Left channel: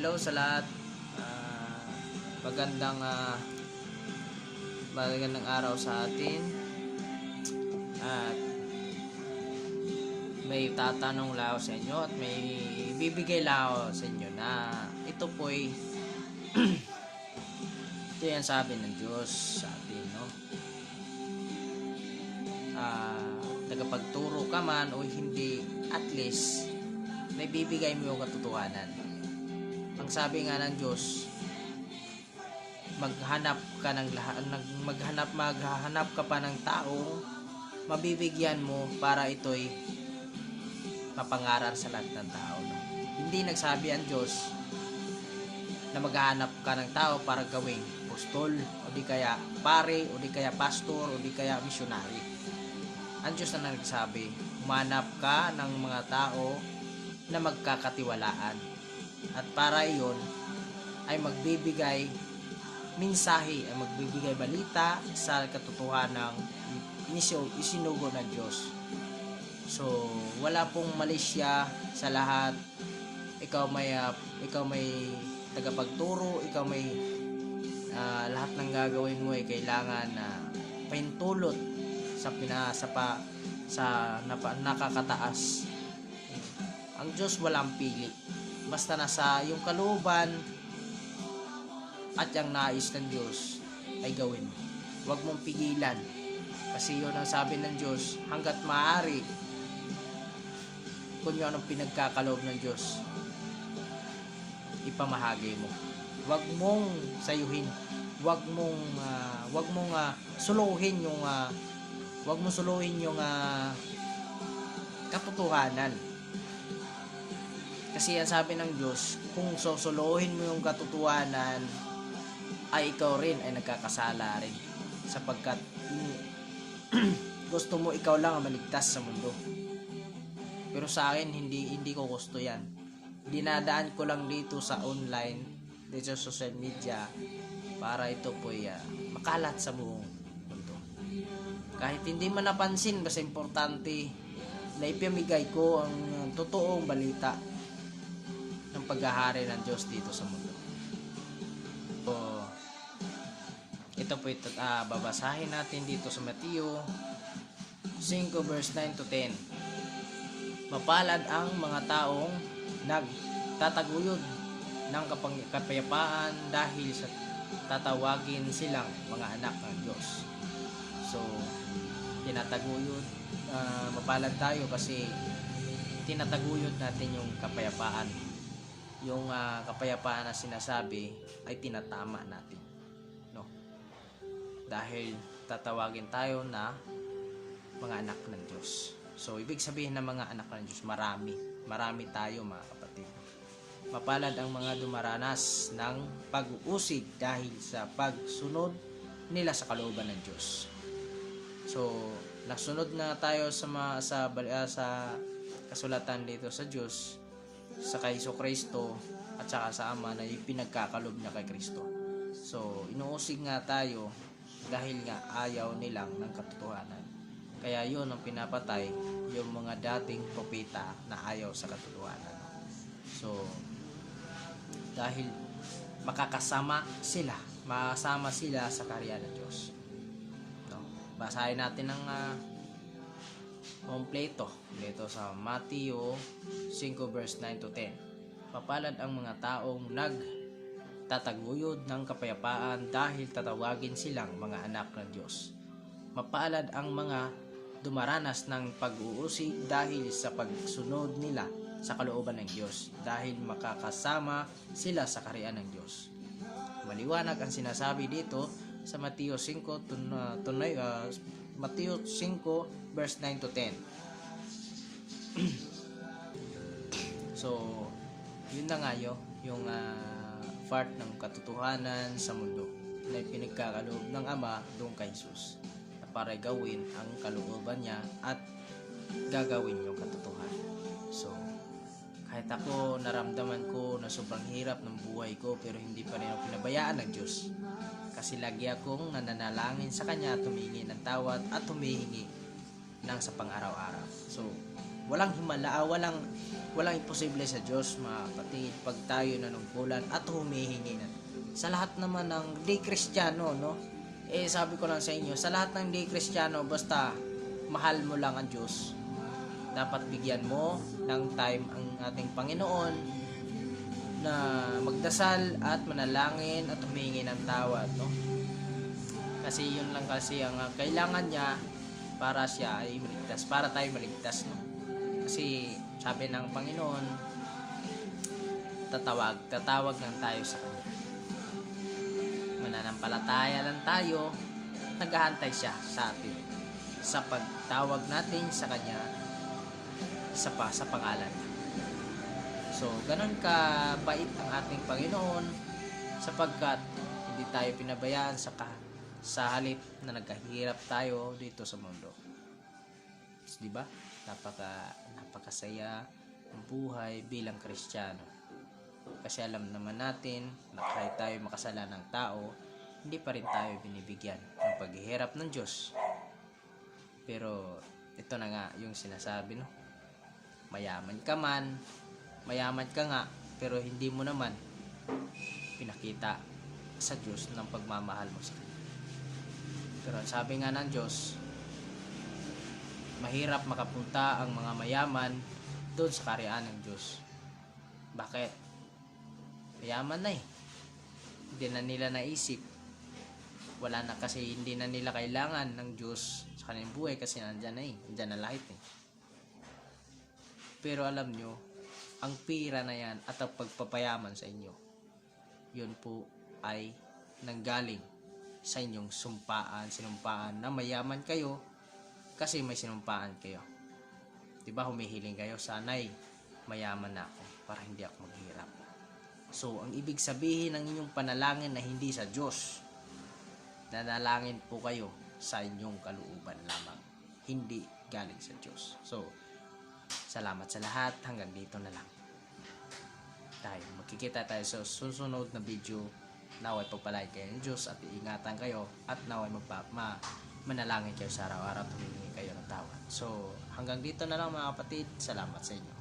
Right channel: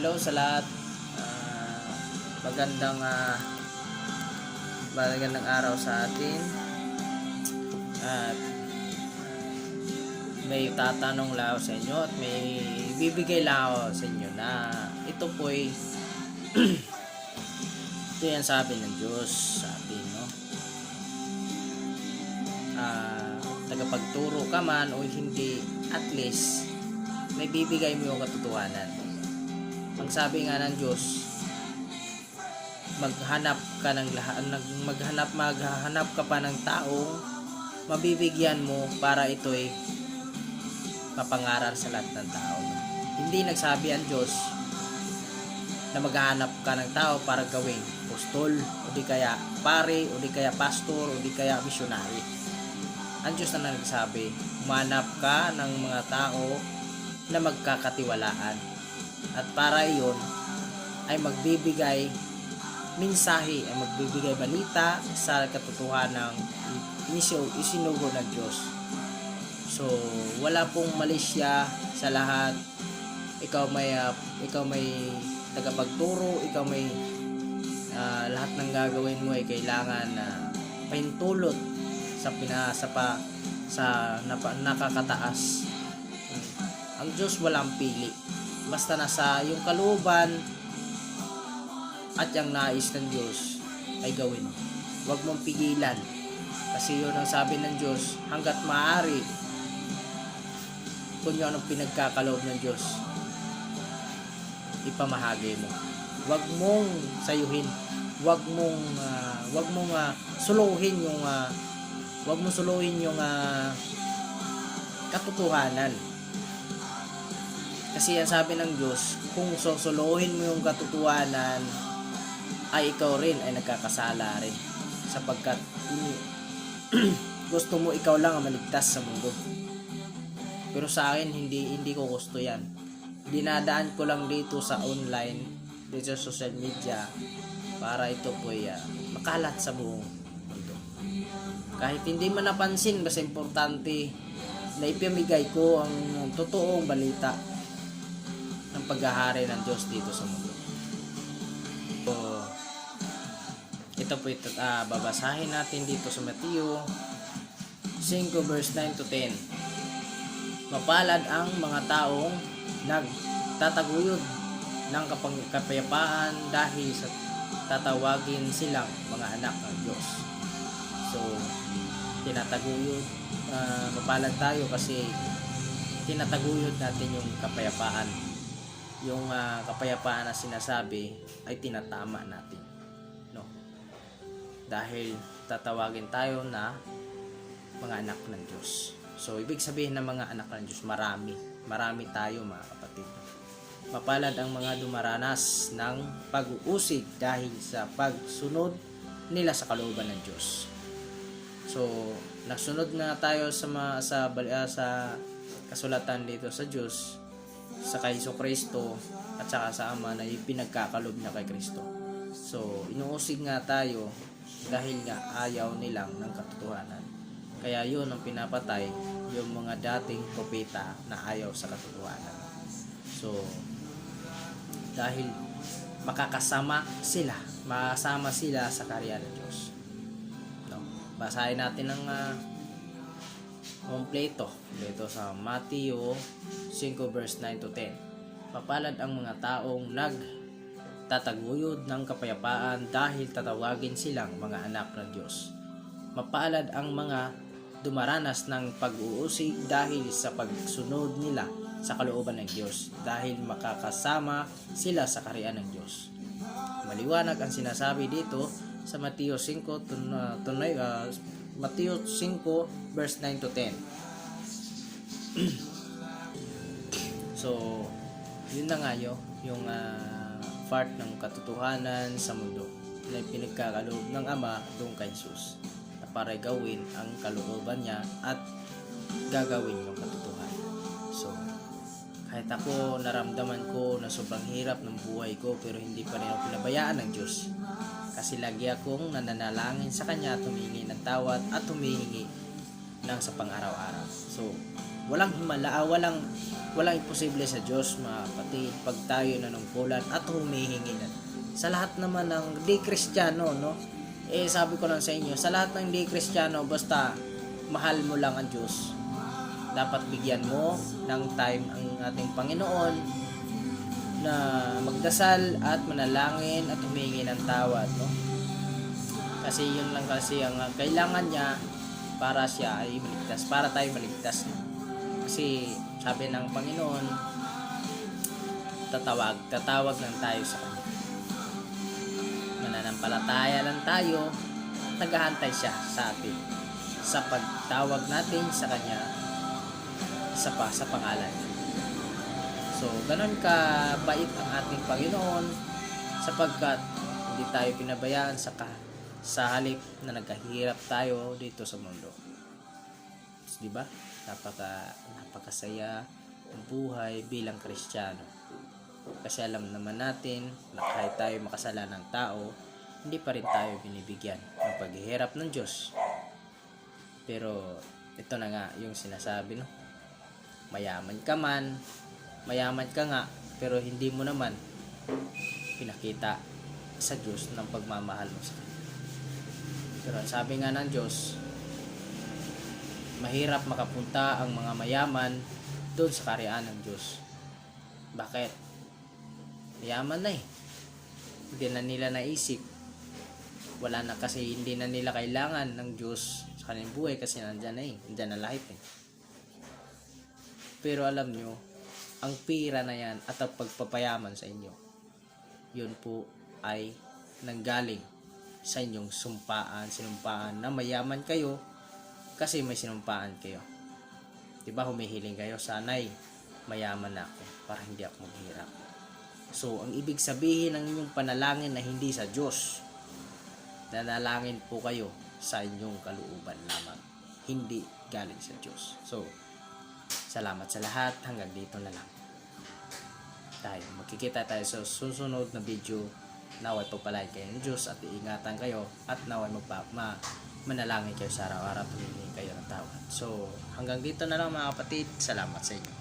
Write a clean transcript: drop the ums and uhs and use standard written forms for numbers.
Hello sa lahat. Ah, magandang magandang araw sa atin. At may tatanong lang ako sa inyo at may bibigay lang ako sa inyo na ito po ay ito yan sabi ng Diyos sa atin, no? Tagapagturo ka man o hindi, at least may bibigay mo yung katotohanan. Ang sabi nga ng Diyos, maghanap ka pa ng tao mabibigyan mo para ito'y mapangaral sa lahat ng tao. Hindi nagsabi ang Diyos na maghahanap ka ng tao para gawing apostol o di kaya pare o di kaya pastor o di kaya missionary. Ang Diyos na nagsabi, humanap ka ng mga tao na magkakatiwalaan. At para iyon ay magbibigay mensahe, ang magbibigay balita sa katotohanan ng isinugo ng Diyos. So, wala pong malisya sa lahat. Ikaw may tagapagturo, ikaw may lahat ng gagawin mo ay kailangan na pahintulot sa nakakataas. Ang Diyos walang pili. Basta nasa yung kalooban at yung nais ng Diyos ay gawin mo. Huwag mong pigilan. Kasi yun ang sabi ng Diyos, hanggat maaari, kung yun ang pinagkakaloob ng Diyos, ipamahagi mo. Huwag mong sayuhin. Huwag mong suluhin yung katotohanan. Kasi ang sabi ng Diyos, kung susuluhin mo yung katotohanan, ay ikaw rin ay nagkakasala rin. Sapagkat gusto mo ikaw lang ang maligtas sa mundo. Pero sa akin, hindi ko gusto yan. Dinadaan ko lang dito sa online, dito sa social media, para ito po makalat sa buong mundo. Kahit hindi man napansin, basta importante na ipamigay ko ang totoong balita ng paghahari ng Diyos dito sa mundo. So, ito po babasahin natin dito sa Mateo 5 verse 9 to 10. Mapalad ang mga taong nagtataguyod ng kapayapaan dahil sa tatawagin silang mga anak ng Diyos. So, tinataguyod, mapalad tayo kasi tinataguyod natin yung kapayapaan. Yung kapayapaan na sinasabi ay tinatama natin, no? Dahil tatawagin tayo na mga anak ng Diyos. So ibig sabihin ng mga anak ng Diyos, marami tayo, mga kapatid. Mapalad ang mga dumaranas ng pag-uusig dahil sa pagsunod nila sa kalooban ng Diyos. So nasunod na tayo sa kasulatan dito sa Diyos, sa kay Kristo at saka sa Ama na ipinagkakalob niya kay Kristo. So, inuusig nga tayo dahil nga ayaw nilang ng katotohanan. Kaya yun ang pinapatay yung mga dating propeta na ayaw sa katotohanan. So, dahil makasama sila sa kaharian ng Diyos. No? Basahin natin ng kompleto dito sa Mateo 5 verse 9 to 10. Mapalad ang mga taong nagtataguyod ng kapayapaan dahil tatawagin silang mga anak ng Diyos. Mapalad ang mga dumaranas ng pag-uusig dahil sa pagsunod nila sa kalooban ng Diyos, dahil makakasama sila sa kaharian ng Diyos. Maliwanag ang sinasabi dito sa Mateo 5 Mateo 5 verse 9 to 10. So, yun na nga yung part ng katotohanan sa mundo na pinagkakaloob ng Ama doon kay Jesus, na para gawin ang kalooban niya at gagawin yung katotohanan. So, kahit ako naramdaman ko na sobrang hirap ng buhay ko, pero hindi pa rin ako pinabayaan ng Diyos. Kasi lagi akong nananalangin sa Kanya, tumingi ng tawad at tumingi ng sa pang-araw-araw. So, walang himala, walang imposible sa Diyos, mga kapatid, pag tayo nanungkulan at humihingi na. Sa lahat naman ng di Kristiyano, no? Sabi ko lang sa inyo, sa lahat ng di Kristiyano, basta mahal mo lang ang Diyos, dapat bigyan mo ng time ang ating Panginoon na magdasal at manalangin at humingi ng tawad, no? Kasi yun lang kasi ang kailangan niya para siya ay maligtas, para tayo maligtas, no? Kasi sabi ng Panginoon, tatawag lang tayo sa Kanya. Mananampalataya lang tayo, naghahantay siya sa atin sa pagtawag natin sa Kanya sa pangalan niya. So, ganun ka bait ang ating Panginoon sapagkat hindi tayo pinabayaan sa halip na nagkahirap tayo dito sa mundo. So, di ba? Napakasaya ang buhay bilang Kristiyano. Kasi alam naman natin na kahit tayo makasalanang tao, hindi pa rin tayo binibigyan ng paghihirap ng Diyos. Pero ito na nga yung sinasabi, no? Mayaman ka nga, pero hindi mo naman pinakita sa Diyos ng pagmamahal mo sa Kanya. Pero sabi nga ng Diyos, mahirap makapunta ang mga mayaman doon sa kaharian ng Diyos. Bakit? Mayaman na eh. Hindi na nila naisip. Wala na kasi, hindi na nila kailangan ng Diyos sa kanilang buhay kasi nandyan na eh. Nandyan na lahat eh. Pero alam nyo, ang pira na yan at ang pagpapayaman sa inyo, yun po ay nanggaling sa inyong sinumpaan na mayaman kayo kasi may sinumpaan kayo. Diba humihiling kayo, sana'y mayaman na ako para hindi ako maghirap. So, ang ibig sabihin ng inyong panalangin na hindi sa Diyos, nanalangin po kayo sa inyong kalooban lamang, hindi galing sa Diyos. So, salamat sa lahat. Hanggang dito na lang tayo. Magkikita tayo sa susunod na video. Naway pagpalain kayo ng Diyos at iingatan kayo at naway manalangin kayo sa araw-araw at humingi kayo ng tawad. So hanggang dito na lang mga kapatid. Salamat sa inyo.